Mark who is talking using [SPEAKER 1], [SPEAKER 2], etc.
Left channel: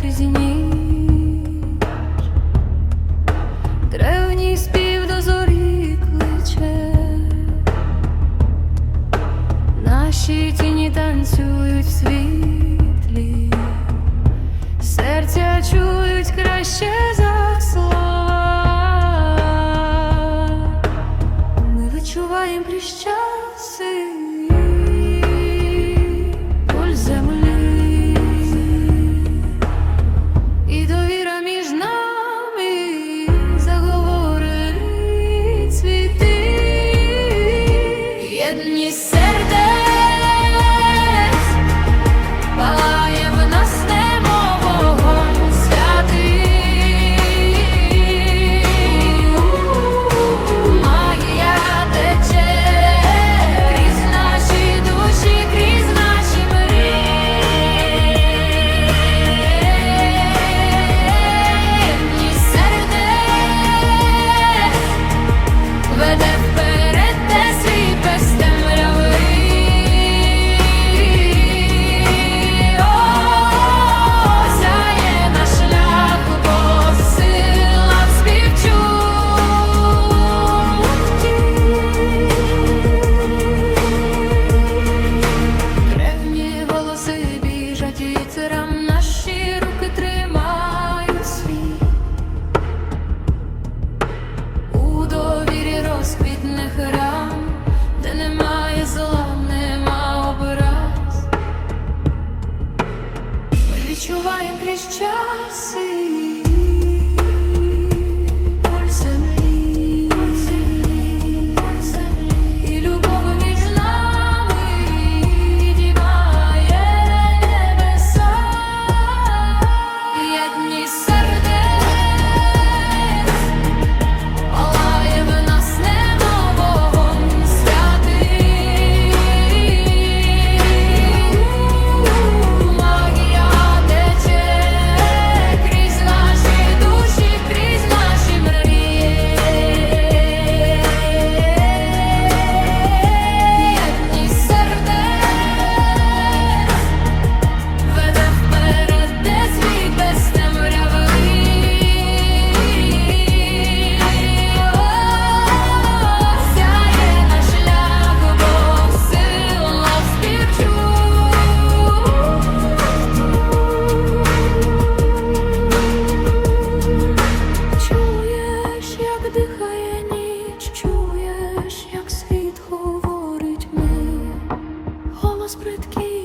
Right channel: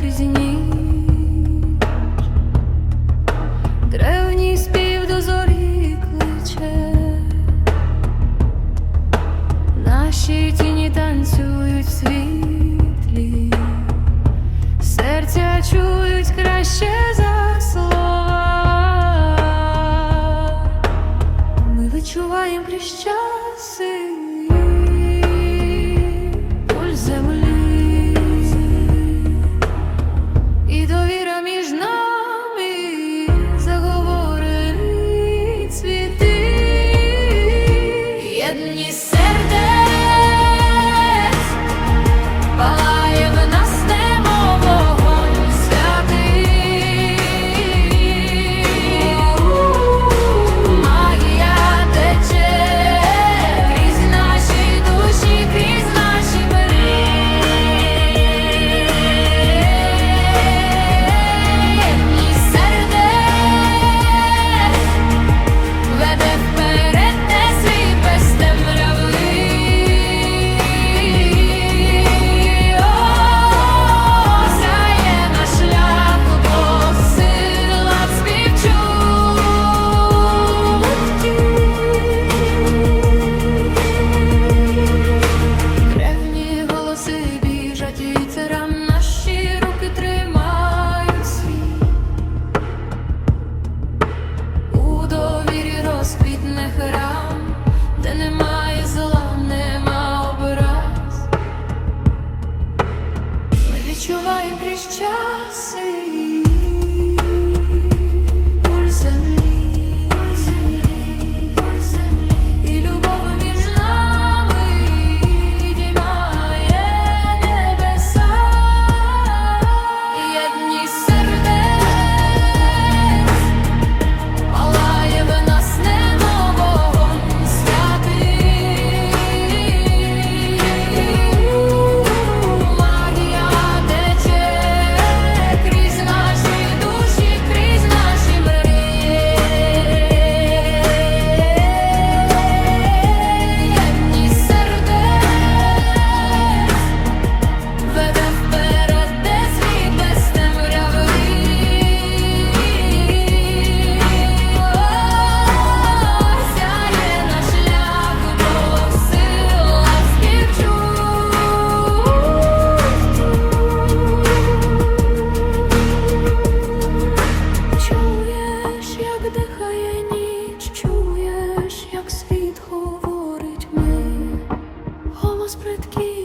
[SPEAKER 1] крізь ніч, древній спів до зорі кличе, наші тіні танцюють в світлі, серця чують краще за слова. Ми відчуваємо крізь вітерам, наші руки тримають світ. У довірі розквітне храм, де немає зла, нема образ. Ми відчуваємо крізь часи Без